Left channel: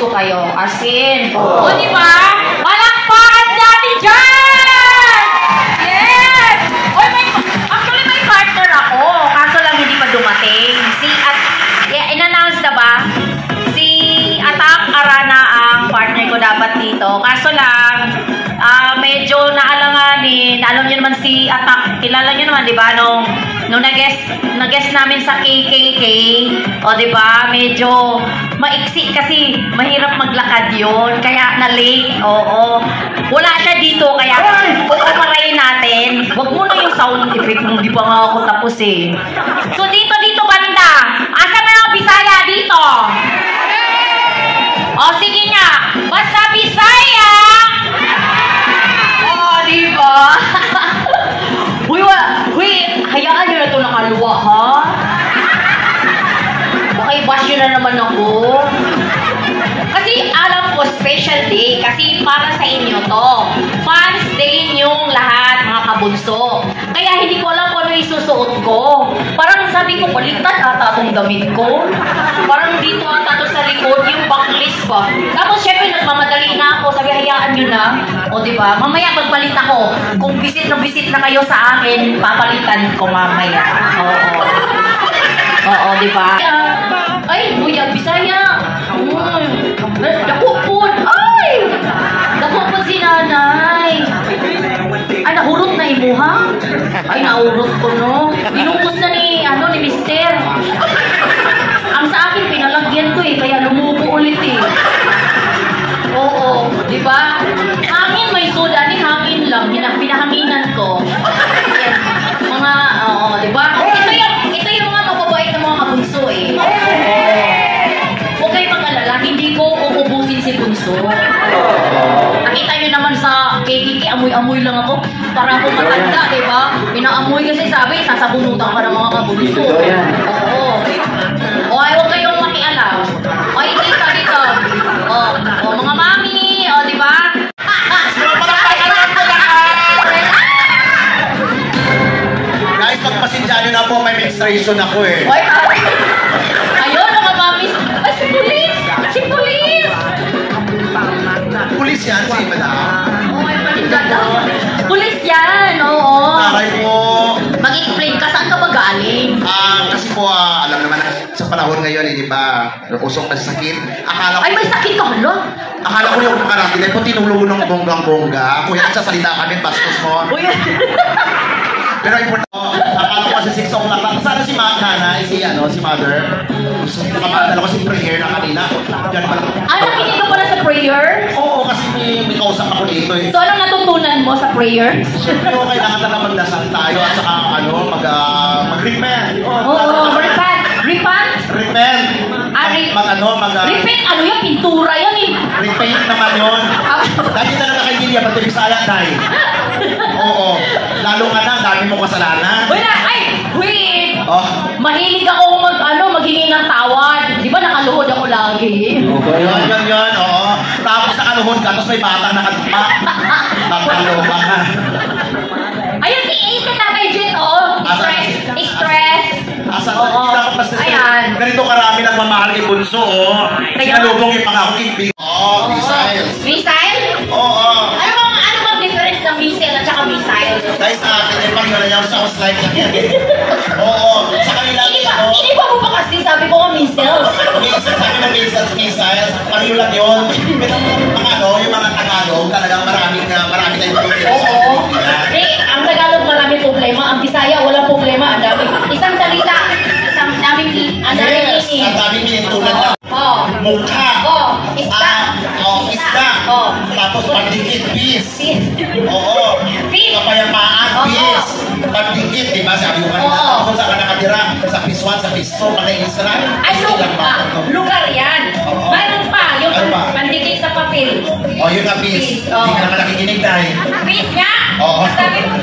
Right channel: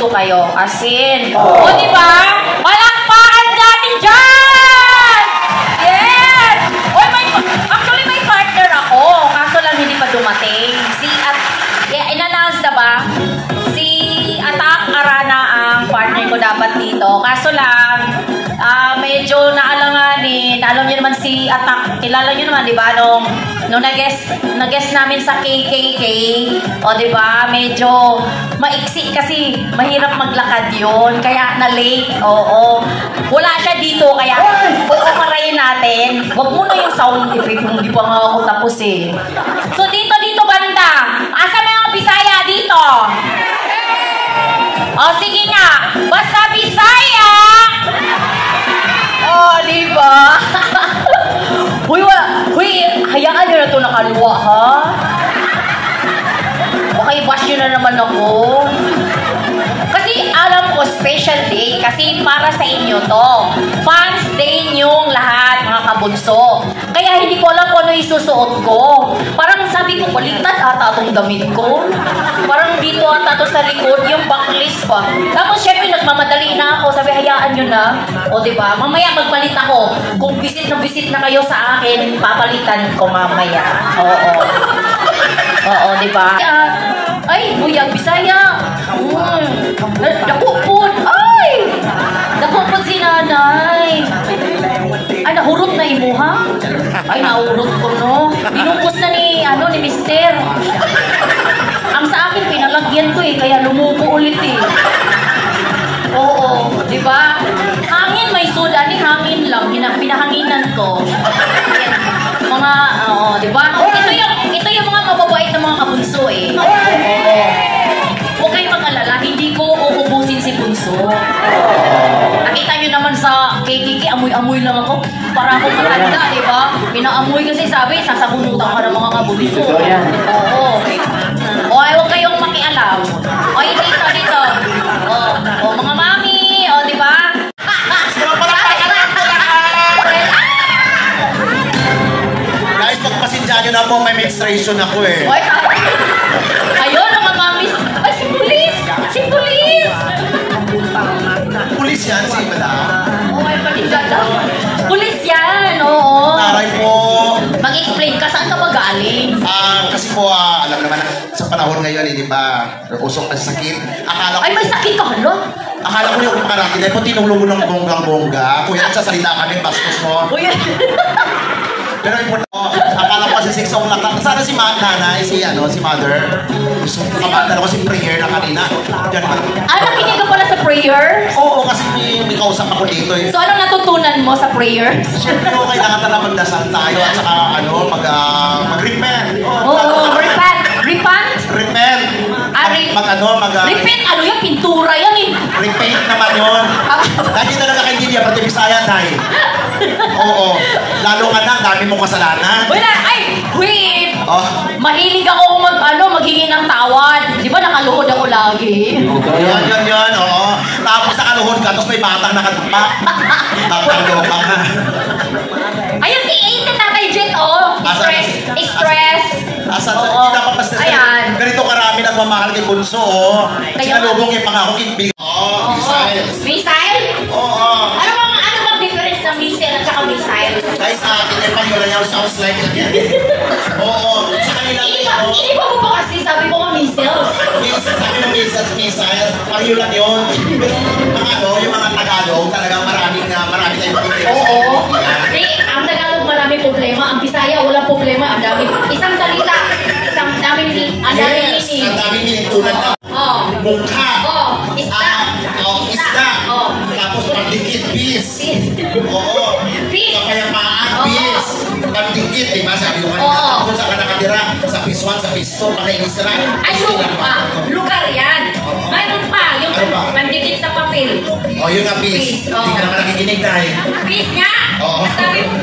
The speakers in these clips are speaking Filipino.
dito kayo. As in. O, diba? Palakpakan natin dyan! Yes! Oy, actually, may partner ako. Kaso lang hindi pa dumating. In-announce na ba? Si Atak Arana ang partner ko dapat dito. Kaso lang, medyo naalanganin. Alam niyo naman si Atak, kilala niyo naman, di ba? Nung nag-guest namin sa KKK, o di ba? Medyo maiksi kasi mahirap maglakad yun. Kaya na-late, oo. Wala siya dito, kaya pupaparayin natin. Wag mo na yung sound effect nung di pa nga ako tapos eh. So dito banda. Asa na ang Bisaya dito? O sige nga, basta Bisaya! Di ba? Huy, hayaan nyo na ito nakaluwa, ha? Baka i-bash nyo na naman ako. Kasi alam ko, special day. Kasi para sa inyo to. Fans day nyong lahat, mga kabunso. Kaya hindi ko alam kung ano isusuot ko. Parang sabi ko, baliktad ata itong damit ko. Parang dito ata ito sa likod, yung backlist pa. Tapos syempre, nagmamadali na ako. Sabi, hayaan nyo na. O diba? Mamaya magpalit ako. Kung visit na kayo sa akin, papalitan ko mamaya. Oo, diba? Ay, buyag, Bisaya. Nakupod. Ay! Nakupod si nanay. Ay, nahurot na imuha? Ay, nahurot ko, no? Inungkos na ni mister. Ang sa akin, pinalagyan ko eh, kaya lumupo ulit eh. Oo, di ba? Hangin, may soda ni hangin lang. Pinahanginan ko. Mga, di ba? Ito yung mga kababait na mga kabunso eh. Huwag kayong mag-alala, hindi ko uubusin si bunso. Nakita nyo naman sa KKK, amoy-amoy lang ako. Para akong matanda, di ba? Pinaamoy kasi sabi, sasabunutan ka ng mga kabunso. Oo. O, huwag kayong makialam. O, ikita dito. O, mga mami, o, di ba? Guys, pagpasinsyado na po, may menstruation ako eh. Ayun, mga mami. Ay, si Pulis! Si Pulis! Pulis yan, si Madam. Pulis yan, oo. Aray po. Mag-explain ka, saan ka magaling? Kasi po, alam naman, sa panahon ngayon, di ba, usok na sakit. Ay, may sakit ka, hala? Akala ko yung karatin ay po tinulungan ng bonggang-bongga. Kung yan, sasalita kami, bastos mo. Pero importante, akala ko kasi 6 o'clock lang. Sana si nanay, si mother. Gusto ko naman, si prayer na kanina. Nakinig ka pala sa prayer? Oo, kasi may kausap ako dito eh. So, ano natutunan mo sa prayer? Pero kailangan na magdasal tayo at saka mag-repent. Oo, repent. Repent? Repent. Repent, ano yan? Pintura yan eh. Repent naman yun. Dati na lang nakaibigan, pati Bisaya tayo. Oo. Lalo ka na, dami mo kasalanan. Wala, ay, wait. Mahilig ako maghingi ng tawad. Di ba nakaluhod ako lagi? Yan, oo. Tapos nakaluhod ka, tapos may batang nakatapa. Tatalo ka na. Ayun, si Aiden na kay Jet, oh. Stress. Oo. Ayan. Ganito karami nagmamahal kay Bunso, oh. Sinalubong yung pangako kibig. Oo, missile. Missile? Oo. Ano bang difference ng missile at saka missile? Guys, ay pag-yarayaw sounds like oo. Sa kanila, Hindi ba mo ba kasi sabi ko missile? sabi ng missiles, pariyo lang yun. Pero yung mga Tagalog, talagang marami tayong problema. Oo. Ang Tagalog marami problema, ang Bisaya walang problema. Ang dami. Isang salita, ang daming meaning. Ang daming meaning tulad na mukha. Isda. Tapos pagdikit, peace. Oo. Kapayapaan, peace. Pagdikit, di ba? Sabi ko kanina, kung saan ka nakatira, sa phase 1, sa phase 2, pakainisra. Ay, lugar yan. Mayroon pa, yung pandikit sa papel. Yun nga, peace. Hindi ka naman nakikinig dahil. Peace nga? Oo. Sabi mo.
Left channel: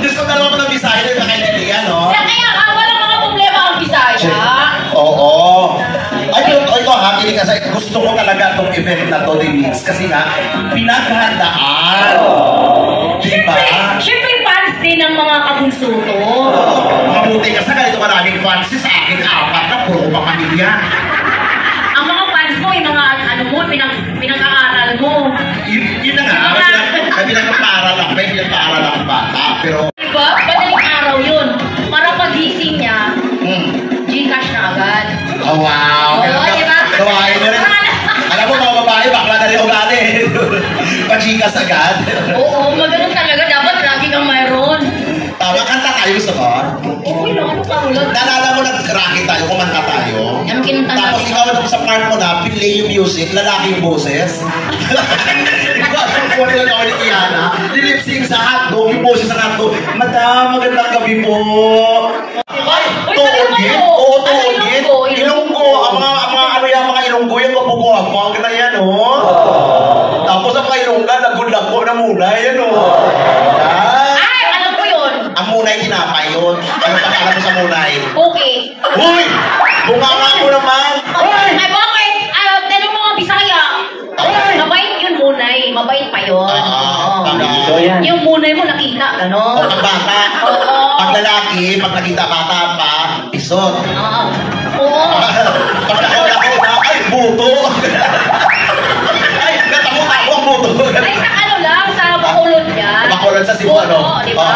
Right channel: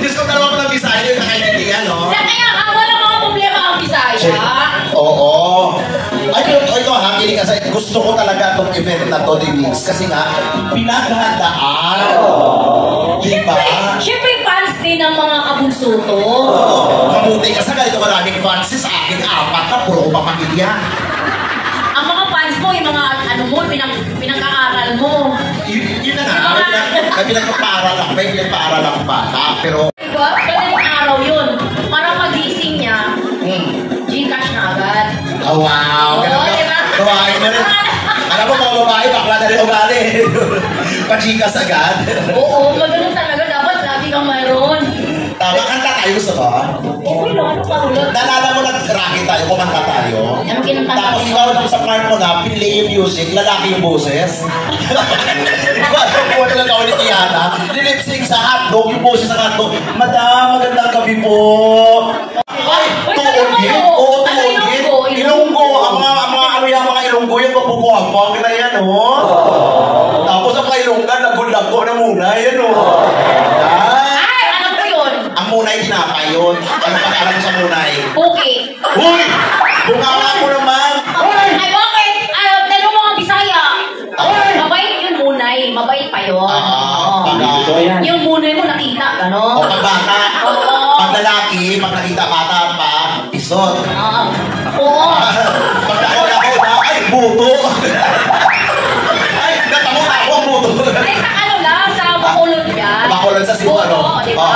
Diyos ko dalawa ko ng Bisaya yung nakainindigan, no? Kaya wala mga problema ang Bisaya. Oo. Ay, ikaw ha, pili ka sa gusto ko talaga itong event na to, Denise. Kasi nga, pinaghandaan. Diba? Siyempre, fans din ng mga kabunso to. Mabuti ka sa ganito maraming fans sa akin, 4 na, puro ko pamilya. Ang mga fans achievements mo, yung mga ano mo, pinag-aaral mo. Yun na nga, may pinagpapaaral ako, may pinagpaaral ako bata, pero... Diba? Madaling araw yun. Para pagising niya, Gcash na agad. Oh, wow! Oo, diba? Gawain mo rin. Alam mo, mga babae, bakla na rin ugali. Pachikas agad. Oo, magano'n talaga. Dapat lagi kang mayroon. Tama, kanta tayo, gusto ko? Oo, ano pa ulit? Naalala mo, nag-rocket tayo, kumanta tayo. Anong kinanta natin? Tapos ikaw na sa part mo na, play yung music, lalaki yung boses. Ikaw, alam mo, nila na ulit Ihana. Nilipsing sa hotdog, yung boses sa hotdog. Madam, magandang gabi po. Ay, tuogin? Oo, tuogin. Ilonggo. Ang mga ilonggo, yung kapukuhapag na yan, oh. Tapos ang mga ilongga, lago-lago na muna, yan, oh. Ay, alam ko yun. Ang munay tinapay yun. Ano pa alam mo sa munay? Okay. Uy! Bunganga mo naman! Ay, bakit? Ano, telo mga Bisaya. Mabait yun munay. Mabait pa yun. Yung munay mo nakita, O gano'n. pag bata, pag lalaki, pag nakita bata pa, pisot. Oo. Pag ako na, ay, buto! Ay, natamo-tamo ang buto! Ay, sa ano lang, sa Bacolod yan. Bacolod sa Cebu, ano? Oo, di ba?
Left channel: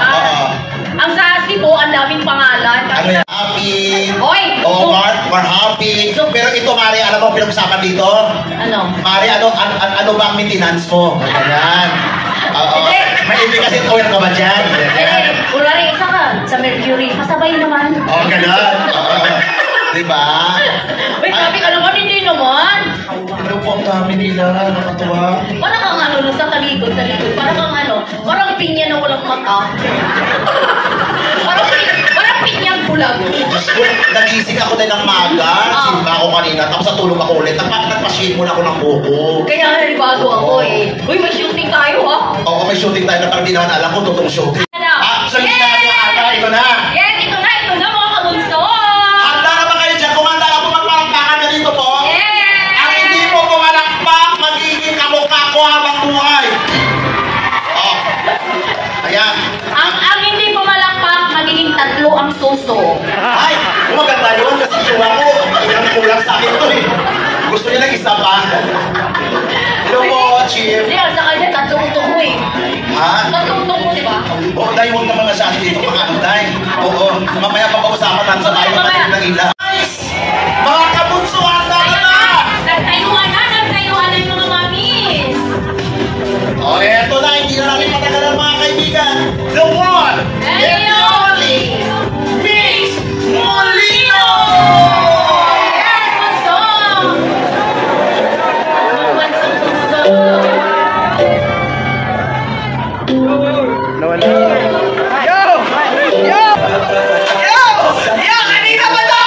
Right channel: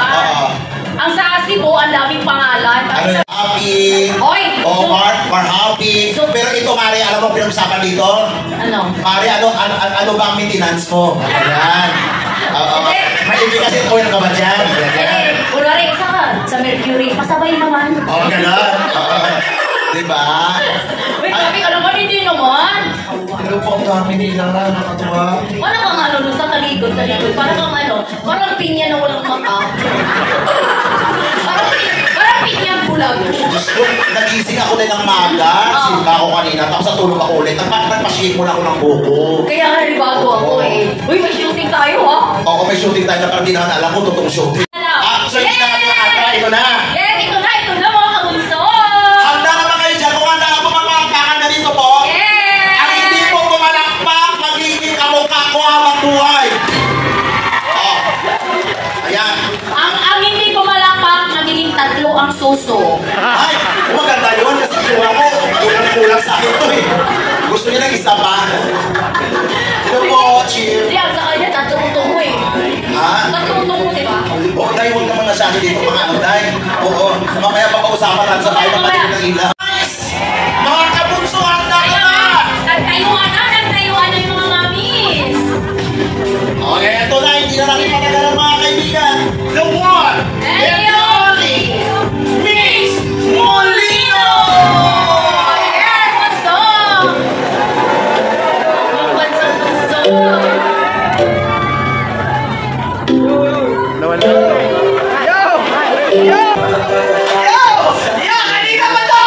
Ang sa Cebu, ang daming pangalan. Ano yan? Happy! Oy! Oo, we're happy. Pero ito, Mari, alam mo pinag-usapan dito? Ano? Mari, ano ba ang maintenance mo? Ayan. Oo. May kasi oil ka ba dyan? Kunwari, isa ka sa Mercury. Pasabay naman. Oo, gano'n. Oo. Diba? Wait, sabi ka naman, hindi naman. Ano po ang kami nila? Nakatuwa. Wala kang ano, sa talikod. Parang kang ano, parang pinya na walang mata. Parang pinyang bulag. Nagising ako din ng maga. Simba ako kanina. Tapos natulog ako ulit. Nagpa-shave muna ako ng buko. Kaya nga, bago ako eh. Uy, may shooting tayo ha? Oo, may shooting tayo na parang di naman alam ko. Totoong shooting. Actually, sinabi yung ata. Ito na. Yes, ito na mga kabunso. Handa naman kayo dyan. Kung handa na po magpapakakan na dito po. Yes! Ang hindi mo pumalakpak, magiging kamukha ko habang buhay. Oh. Ayan. Ang hindi pumalakpak, magiging tatlo ang suso. Ay, maganda yun kasi siya ko. Kulang-kulang sa akin to eh. Gusto niya ng isa pa. Hello po, Chief. Hindi, sa kanya, tatlo mo eh. Ha? Tatlo mo, di ba? Oo, dahil huwag naman na sa akin dito mga anday. Oo, mamaya papag-usapan natin sa tayo pagkakas ng ila. Mga kabunso, handa ka na! Nagtayuan na yung mga mamis. O, eto na, hindi na natin matagalan mga kaibigan. The one and the only Miss Molino! Yes, bunso! Bunso. Kanina ba to?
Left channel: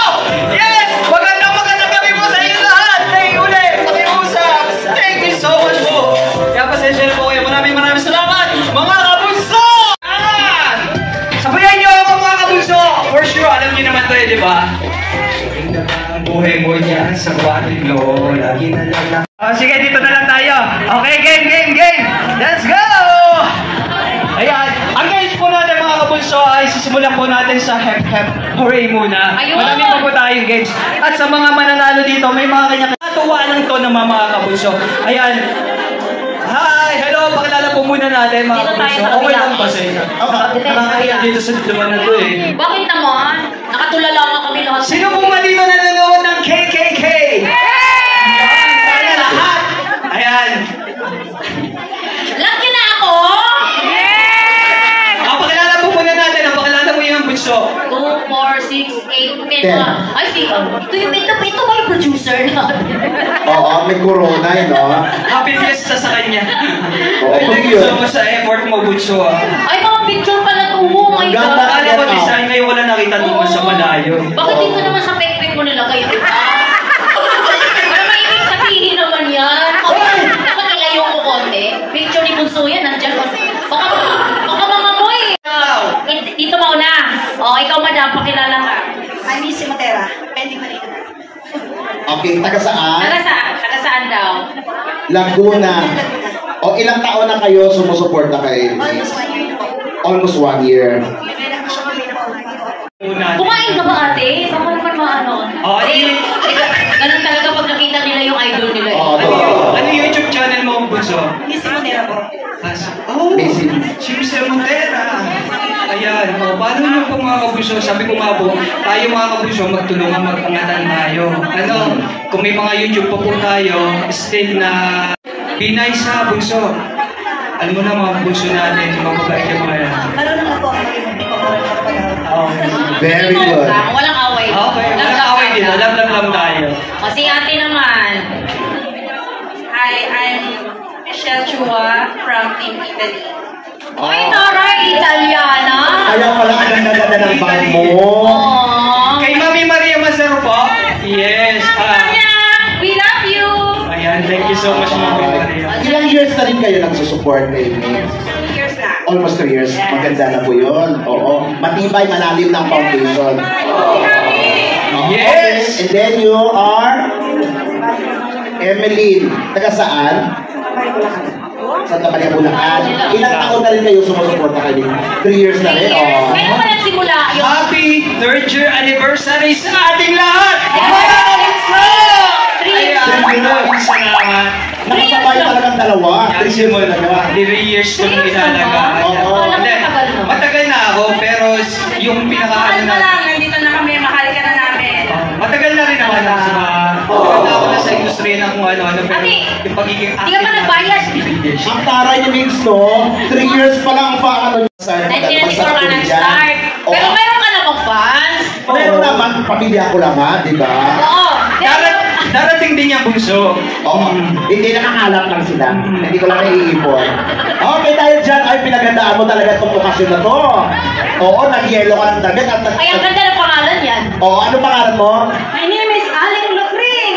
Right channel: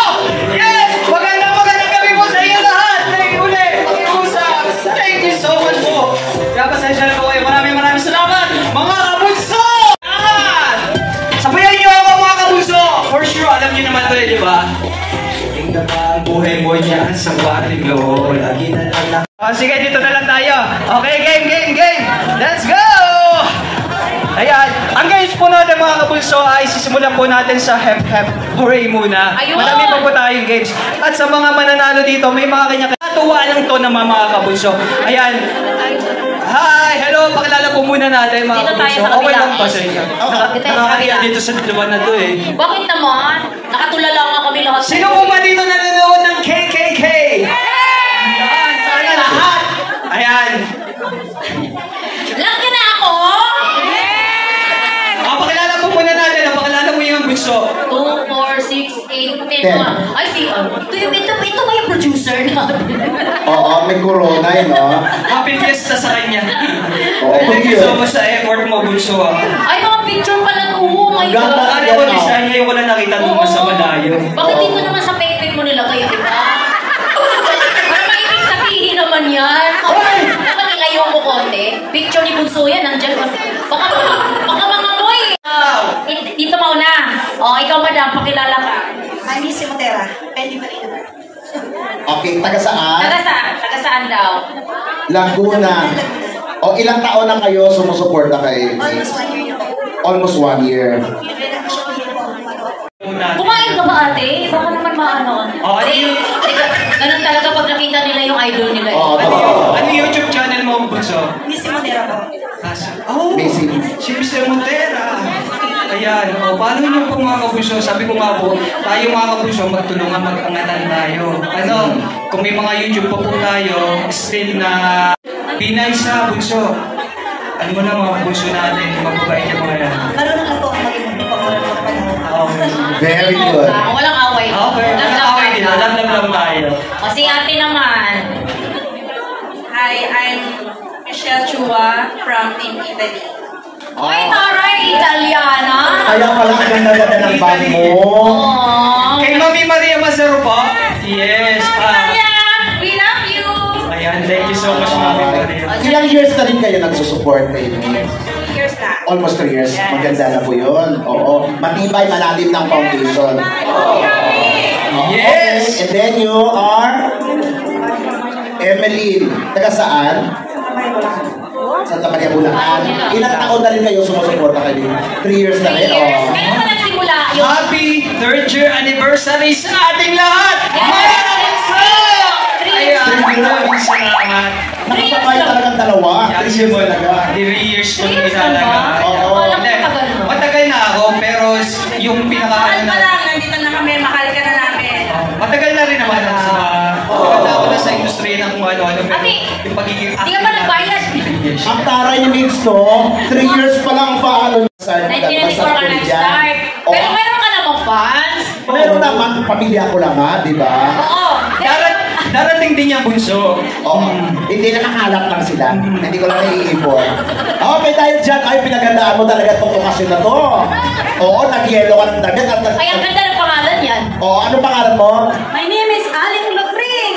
Yes! Magandang gabi po sa inyo lahat! Hey, uli! Pakiusap! Thank you so much po! Kaya pasensya na po kayo. Maraming salamat! Mga kabunso! Sabayan niyo ako mga kabunso! For sure, alam niyo naman to eh, di ba? Buhay mo niya sa kwarto. Lagi na lang. Sige, dito na lang tayo. Okay, game! Let's go! Ayan, ang guys po natin mga kabunso ay sisimulan po natin sa hep hooray muna. Ayun! Marami pa po tayong games. At sa mga mananalo dito, may mga kanya-kanya. Natuwa lang ito ng mga kabunso. Ayan. Hi! Hello! Pakilala po muna natin mga Dito tayo kabunso. sa Okay kabila. lang ba sa inyo? Nakakaya dito sa dalawa na to eh. Bakit naman? Nakatulala nga kami lahat. Sino po ba dito nanonood ng KKK? Ayan, sana lahat. Ayan. Lagi na ako! Pakilala po muna natin. Pakilala mo yung bunso. 2, 4, 6, 8, 10. Ay, si... Ito ba yung producer natin? Oo, may corona yun, no? Happy fiesta sa kanya. Oo, Thank you so much sa effort mo, bunso. Ay, mga picture pala to. Oh my God. Alam ko, design ngayon wala nakita doon sa malayo. Bakit dito naman sa pek-pek mo nilagay ito? Para may ibig sabihin naman yan. Baka nilayo mo konti. Picture ni Bunso yan, nandiyan ka. Baka mga mo eh. Dito mauna. O, ikaw madam, pakilala ka. I'm Miss Matera, Penny Marina. Okay, taga saan? Taga saan daw? Laguna. O ilang taon na kayo sumusuporta kay Almost 1 year po. Almost 1 year. Kumain ka ba ate? Baka naman maano. Oo, Ganun talaga pag nakita nila yung idol nila. Oo, totoo. Ano yung YouTube channel mo, Bunso? Miss Monera po. Oh, Basic. si Mr. Montera. Ayan, paano naman po mga kabunso? Sabi ko nga po, tayo mga kabunso, magtulungan, magtangatan tayo. Ano, kung may mga YouTube pa po tayo, still na be nice ha, bunso. Alam mo na mga bunso natin, mababait yung mga yan. Marunong na po ang maging Very good. Walang away. Okay, walang away din. Alam tayo. Kasi ate naman. Hi, I'm Michelle Chua from Team Italy. Ay, taray, Italiana. Kaya pala ang ganda ng band mo. Aww. Kay Mami Maria Mazaro po? Yes. Maria, we love you. Ayan, thank you so much, Mami Maria. Ilang years na rin kayo nagsusupport na yun? 2 years na. Almost 3 years. Maganda na po yun. Oo. Matibay, malalim ng foundation. Yes! Okay. And then you are Emeline. Taga saan? Santa Maria, Bulacan. Ilang taon na rin kayo sumusuporta kayo? 3 years na rin. Oh. Kaya pa nagsimula yun. Happy 3rd year anniversary sa ating lahat! Yes! Ayan, maraming salamat. Nakasabay talagang dalawa. 3 years talaga. 3 years kong italaga. Oo. Hindi, matagal na ako, pero yung pinaka-ano Mahal na... pa lang, nandito na kami, mahal ka na namin. Matagal na rin naman ako sa pagkakita ako na sa industriya ng kung ano-ano, pero Ate, yung pagiging Hindi ka pa nagbayad. Ang taray ni Migs, no? 3 years pa lang pa ano niya sa 1994 ka nag-start. Pero meron ka namang fans. Meron naman, pamilya ko lang ha, di ba? Oo. Darating din yung bunso. Oo. Hindi nakakalap lang sila. Hindi ko lang naiipon. Okay, dahil dyan, ay pinagandaan mo talaga itong okasyon na to. Oo, nag-yellow ka ng damit. Ay, ang ganda ng pangalan yan. Oo, ano pangalan mo? My name is Aling Lucring.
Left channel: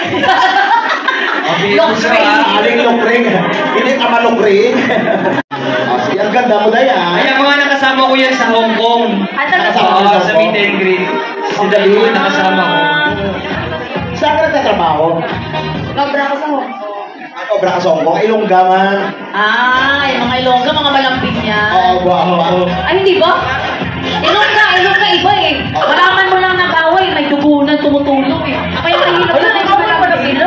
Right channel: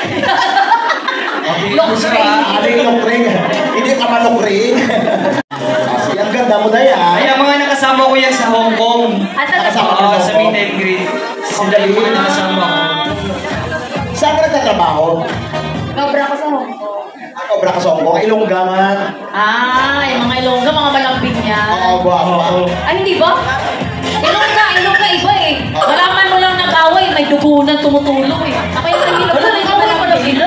Aling Lukring. Hindi ka malukring. Ang ganda mo dahil ha. Ay, ang mga nakasama ko yan sa Hong Kong. Oo, sa meet and greet. Sila yung nakasama ko. Saan ka nagtatrabaho? Nobra ko sa Hong Kong. Obra ka sa Hong Kong, Ilongga man. Ah, yung mga Ilongga, mga malambing niya. Oo, guwapo. Ay, hindi ba? Ilongga iba eh. Malaman mo lang na bawal, may dugunan tumutulong eh. Kaya mahirap na nag-away pa na sila.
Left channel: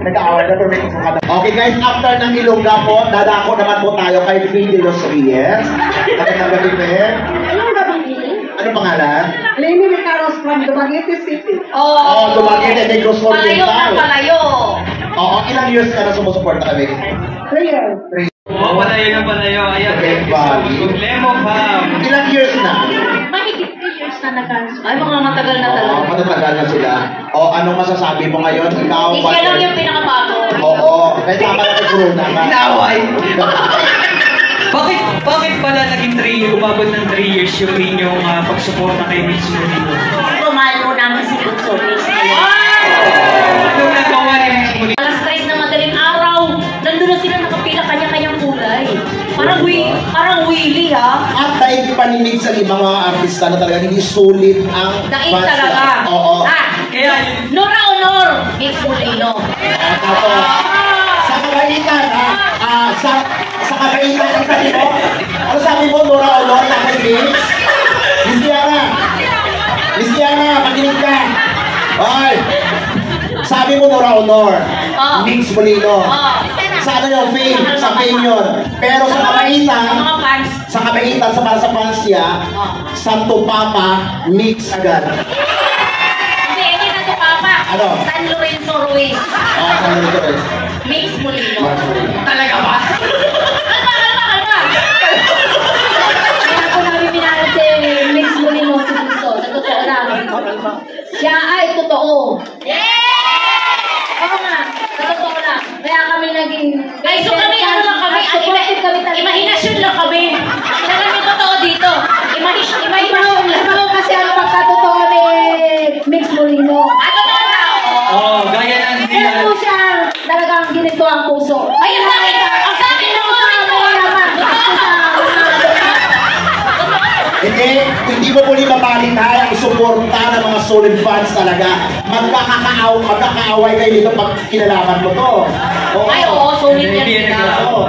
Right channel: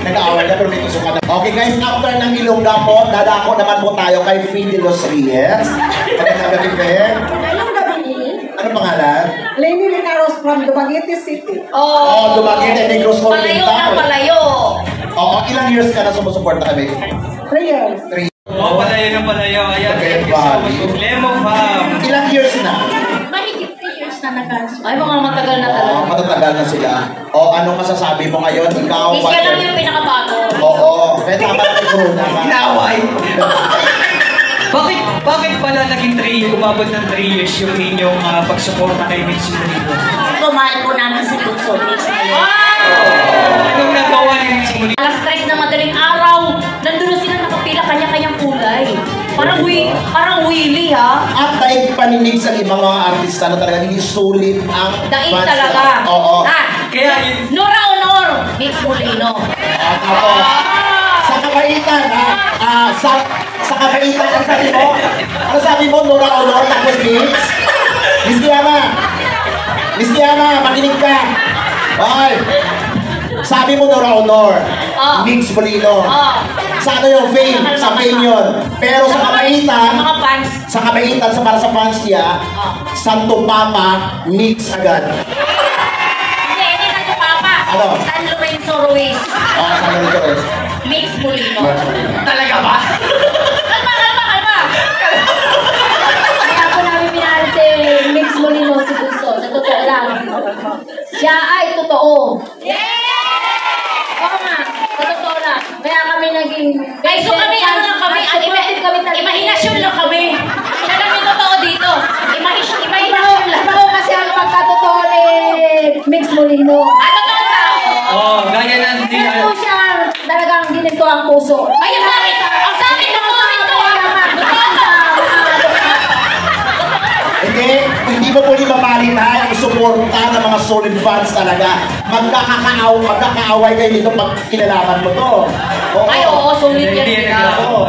Nag-aaway na pero may kusukan na. Okay guys, after ng Ilongga po, dadako naman po tayo kay Finn de los Reyes. Ano na gabi, Finn? Anong gabi? Ano pangalan? Lenny Ricaros from Dumaguete City. Oh, Dumaguete, Negros Palayo na palayo. Oo, ilang years ka na sumusuporta kami? 3 years. 3 Oo, palayo na palayo. Ayan, Okay, thank you so much. Bali. Problema, fam. Ilang years na? Mahigit 3 years na nag-cancel. Ay, mga matagal na Oo, talaga. matatagal na sila. O, anong masasabi mo ngayon? Ikaw, Hindi siya lang yung pinakabago. Oo, kaya tama na corona ka. Naway. Bakit pala naging 3, umabot ng 3 years yung inyong pagsuporta kay Mitsu Molino? Kumahal po namin si Bunso Mix ngayon. Nung nagawa ni Mitsu Molino. Alas 3 na madaling araw, nandun na sila nakapila kanya-kanyang kulay. Parang willy ha. At dahil paninig sa ibang mga artista na talaga hindi sulit ang Daig fans talaga. nila. Oo. Kaya yun. Nora Honor, Mix Molino. Tapos, sa kakaitan, sa kakaitan, ang sabi mo? Ano sabi mo, Nora Honor, tapos Mix? Miss Diana, makinig ka. Okay. Sabi mo, Nora Honor, Mix Molino. Sa ano yung fame? Sa fame yun. Pero sa kabaitan, Mga fans. para sa fans niya, Santo Papa, Mix agad. Hindi, hindi na ito papa. Ano? San Lorenzo Ruiz. Saan mo ito guys? Mix Molino. Talaga ba? Kalma. Kaya ako namin minahal si Mix Molino si Bunso. Sa totoo lang. Siya ay totoo. Oo nga. Sa totoo lang. Kaya kami naging... Guys, so kami, ano lang kami, imahinasyon lang kami. Siya lang yung totoo dito. Imahinasyon lang. Ano kasi ang pagkatotoo ni Mix Molino. Ano ba ang tao? Oo, gaya ng Kaya po siya talagang ginito ang puso. Ay, ang sa akin, ang Hindi mo po mamalit ha, ang suporta ng mga solid fans talaga. Magkakaaway kayo dito pag kinalaman mo to. Ay, oo, solid yan Hindi sila. na Oo.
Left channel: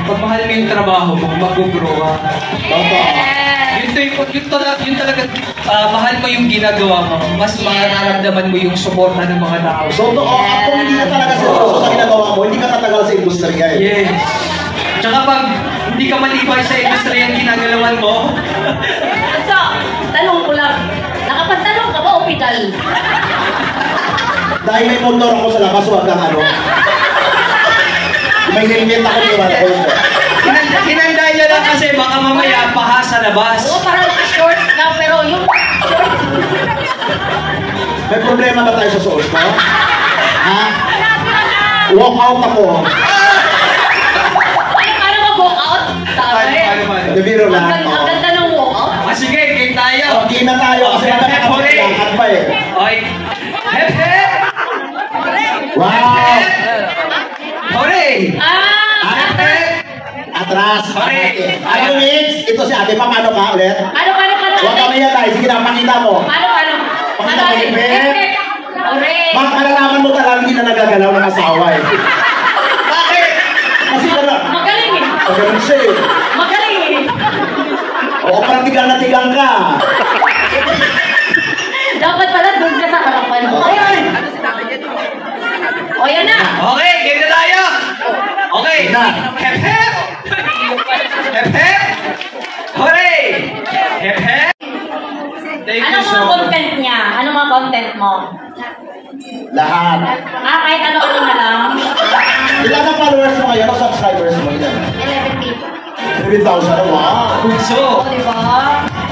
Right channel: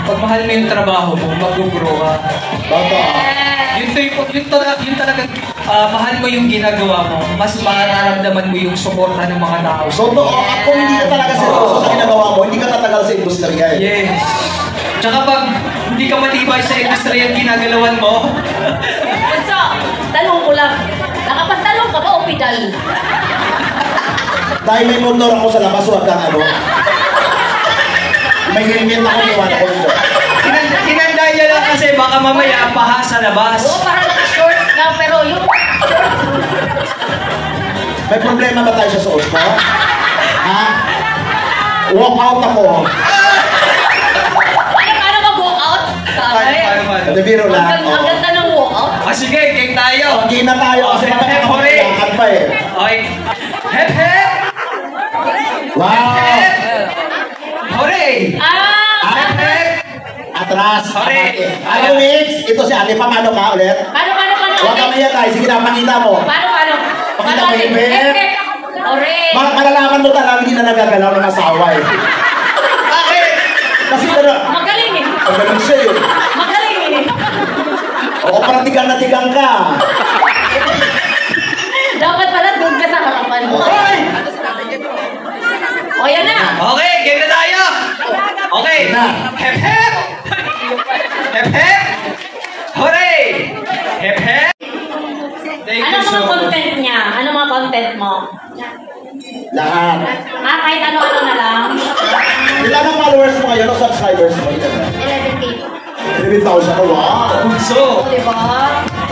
Pagmahal mo yung trabaho mo, mag-grow ka. Totoo. Yun talaga, mahal mo yung ginagawa mo, mas mararamdaman mo yung suporta ng mga tao. Totoo. Kung hindi ka talaga seryoso sa ginagawa mo, hindi ka tatagal sa industriya eh. Yes. Tsaka pag hindi ka matibay sa industriya yung ginagalawan mo, So, tanong ko lang. Nakapagtanong ka ba o pedal? Dahil may motor ako sa labas, huwag kang ano. May helmet ako ni Juan Colmo. tinanda niya lang kasi baka mamaya paha sa labas. Oo, parang short ka, pero yung short. May problema ba tayo sa suot mo? Ha? Walk out ako. Paano mag-walk out? Ito biro lang. Ang ganda ng walk out. Sige, game tayo. Okay na tayo kasi nakakapaglakan pa eh. Okay. Hep, hep! Wow! Hooray! Hep, hep! Atras. Okay. Alam mo, Mitch, ito si ate, paano ka ulit? Paano? Huwag kami yan guys, sige na, pakita mo. Paano? Pakita mo, Hep. Hooray! Malalaman mo talaga hindi na nagagalaw ng asawa eh. Bakit? Kasi Magaling eh. magaling siya eh. Magaling eh. Oo, parang tigang na tigang ka. Dapat pala doon ka sa harapan mo. O, yan na. Okay, game na tayo! Okay. Game na. Hep, hep! Hep, hep! Hooray! Hep, hep! Thank you Anong so mga much. content niya? Anong mga content mo? Lahat. Kahit ano-ano na lang. Ilan ang followers mo ngayon o subscribers mo? 11K. 11,000 na, wow. Bunso! Diba?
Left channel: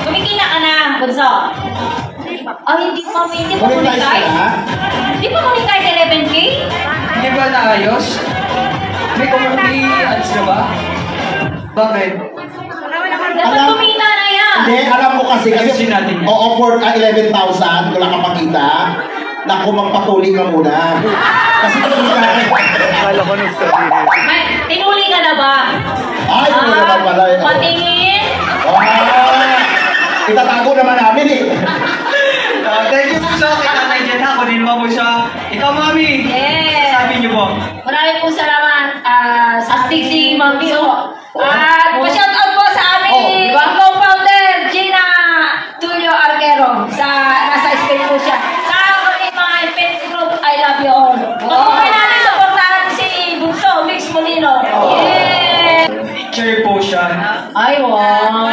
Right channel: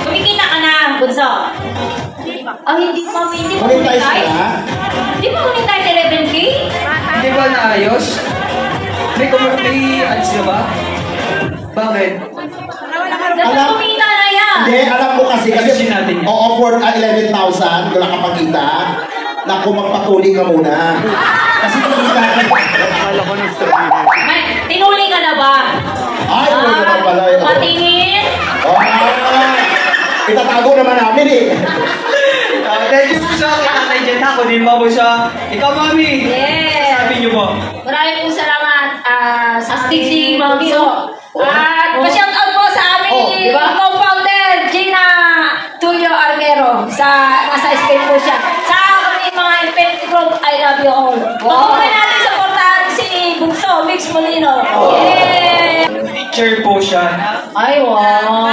Kumikita ka na, Bunso. Hindi pa Monetize monetize. na? Hindi pa monetize 11K? Hindi ba naayos? May ads na ba? Bakit? Dapat kumita na yan. Hindi, alam mo kasi Ayusin natin yan. o-offer ka 11,000 kung nakapagkita, naku, magpatuli ka muna. Kasi kumita ka. Tinuli ka na ba? Ay, wala naman pala yun. Patingin. Itatago naman namin eh. Thank you sa akin, Nanay Jen. Ako din ba po siya? Ikaw, Mami. Yes. Sabi niyo po. Maraming pong salamat sa Stacey Mami. At pa-shout out po sa aming co-founder, Gina Tulio Arquero. Nasa Spain po siya. Sa aming mga event group, I love you all. Pagkuhan natin supportahan si Bunso, Mix Molino. Yeah! Teacher po siya. Ay, wow.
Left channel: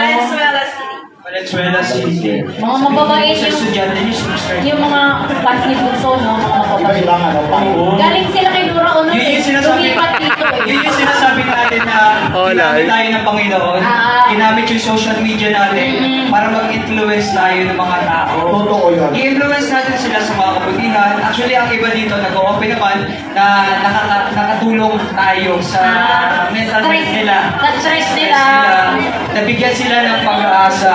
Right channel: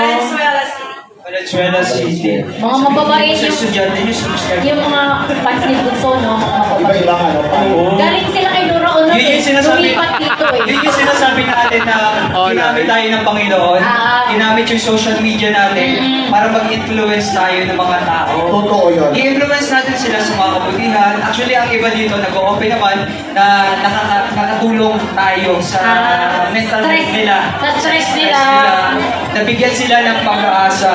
Valenzuela City. Mga mababait Sa yung, estudyante niyo, subscribe. yung mga fans ni Bunso, no? Mga mababait. Iba-ibang ano pa. Galing sila kay Nora Ono. Yun yung sinasabi, Lumipat dito eh. yun yung sinasabi natin na ginamit tayo ng Panginoon. Ginamit yung social media natin para mag-influence tayo ng mga tao. Totoo yun. I-influence natin sila sa mga kabutihan. Actually, ang iba dito, nag-o-open naman na nakatulong tayo sa mental health nila. Sa stress nila. Nabigyan sila ng pag-asa.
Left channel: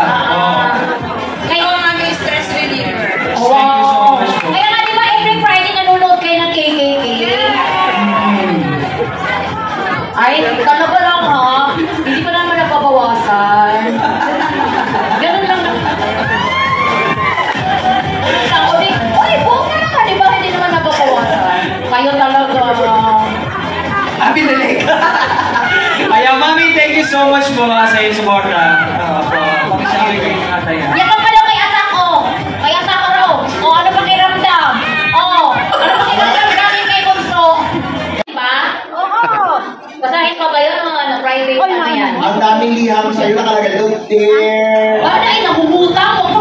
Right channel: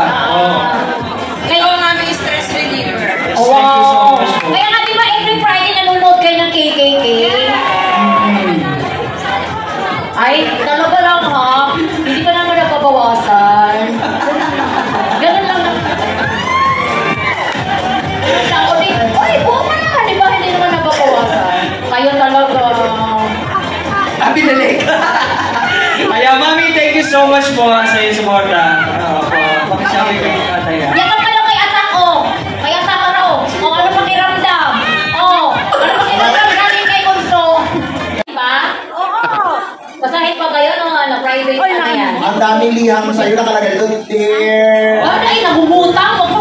Kayo ang aming stress reliever. Thank you so much po. Kaya nga di ba every Friday nanonood kayo ng KKK? Ay, talaga lang ha. Hindi pa naman napabawasan. Ganun lang. Uy, buka na ka, di ba? Hindi naman napabawasan. Kayo talaga. Pinalik. Kaya, Mami, thank you so much po sa iyong suporta. Pakisabi kayo ng atay. Yakap kayo kay anak ko. Kay anak ko raw. O, ano pakiramdam? O, ano pakiramdam galing kay Bunso? Diba? Oo. Basahin pa ba yun ng private ano yan? Ang daming liham sa'yo nakalagay doon, dear. Wala ay, nahumutang mo.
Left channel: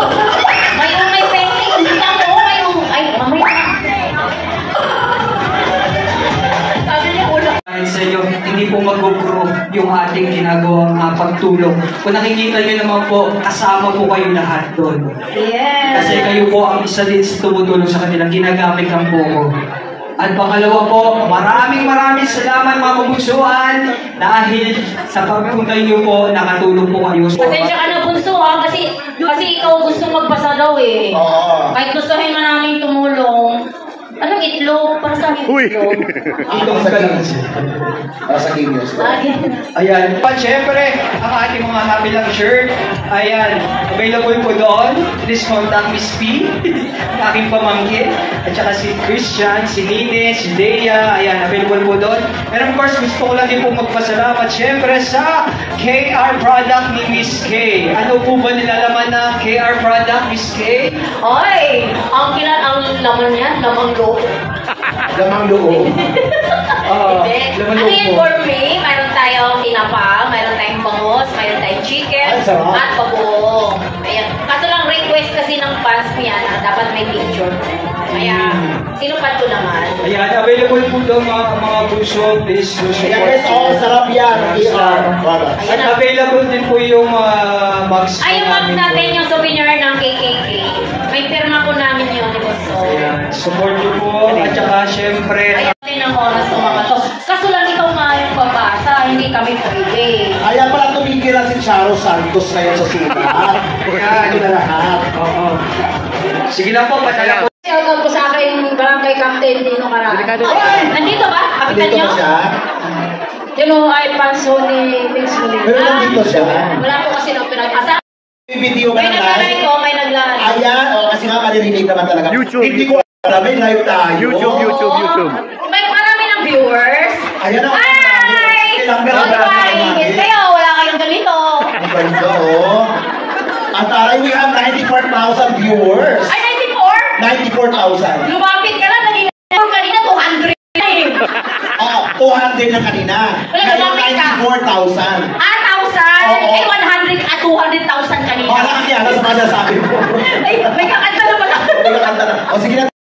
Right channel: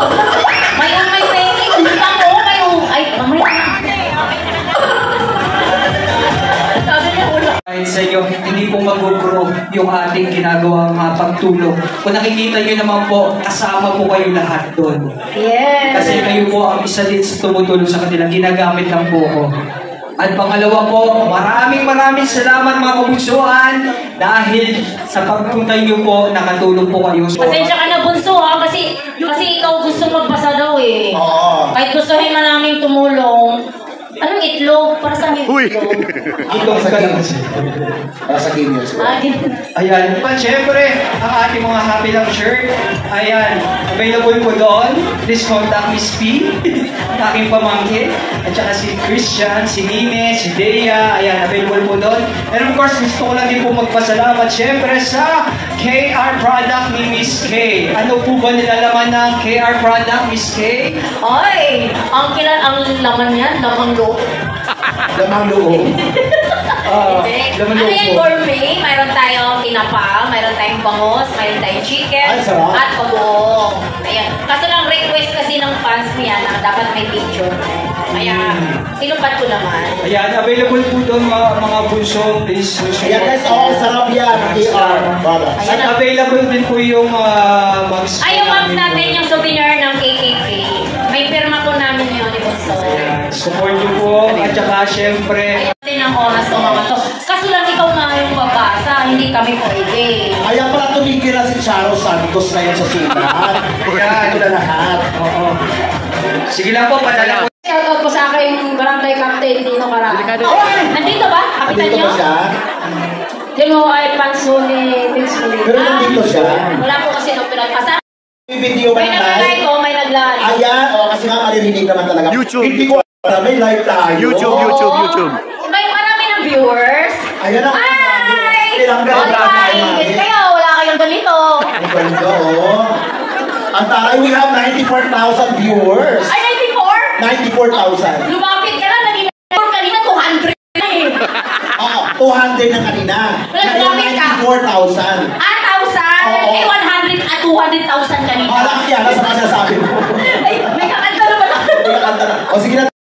May painting, humutang mo. Ay, mamaya. Sabi niya, ulo. Dahil sa iyo, hindi po mag-grow yung ating ginagawang pagtulong. Kung nakikita niyo naman po, kasama po kayo lahat doon. Yes. Kasi kayo po ang isa din sa tumutulong sa kanila. Ginagamit lang po ko. At pangalawa po, maraming salamat mga kabunsuhan dahil sa pagpunta niyo po, nakatulong po kayo. Pasensya ka na, Bunso, ha? Kasi ikaw gusto magpasa daw eh. Oo. Kahit gustuhin man namin tumulong, Anong itlog? Para sa Uy! itlog. Itong sa Kings. Para sa Kings. Ayan. At syempre, ang ating mga Happy Lang shirt, ayan, available po doon. Please contact Miss P, ang aking pamangkin, at saka si Christian, si Nine, si Dea, ayan, available po doon. And of course, gusto ko lagi po magpasalamat syempre sa KR product ni Miss K. Ano po ba nilalaman ng KR product, Miss K? Oy! Ang laman yan, lamang loob. Lamang loob. Oh, laman Ano loob yung po. gourmet? Mayroon tayong tinapa, mayroon tayong bangus, mayroon tayong chicken, Ay, sarap. at pabuong. Ayan. Kaso lang request kasi ng fans niya na dapat may picture. Kaya, ilupad ko naman. Ayan, available po doon mga puso, please. Ayan guys, sarap yan. KR products. At available din po yung mugs po Ay, yung box namin natin, doon. yung souvenir ng KKK. May pirma po namin yun, di ba? So, Ayan, support niyo po. At saka syempre, ayaw din ang oras ko mga to. Kaso lang ikaw nga yung babasa, hindi kami pwede. Kaya pala tumigil na si Charo Santos ngayon sa sulat. Kaya na lahat. oo. Sige lang po, padala po. Shoutout ko sa aking barangay captain Dino Caraan. Nandito ba? Kapitan Nandito nyo? ba siya? Dino Alfonso ni Vince Molina. Pero nandito siya. Wala po kasi nung pinagpasa. May video ka May na nag-live live. ko, may nag-live. Ayan, kasi nga maririnig naman talaga. YouTube, Hindi ko alam, may live tayo. YouTube. May marami ng viewers. Ayan ang Hi! Tinanggal ang dami Hi! namin. Kayo, wala kayong ganito. Ang ganda, oh. Ang taray, we have 94,000 viewers. Ay, 94? 94,000. Lumapit ka lang, naging kanina 200 na eh. Oo, 200 na kanina. Wala, lumapit ka. 94,000. 1,000? Oo. Eh, 100 at 200,000 kanina. Mga nakakiyala sa mga sinasabi mo. Ay, may kakanta naman ako. May kakanta na. O sige na.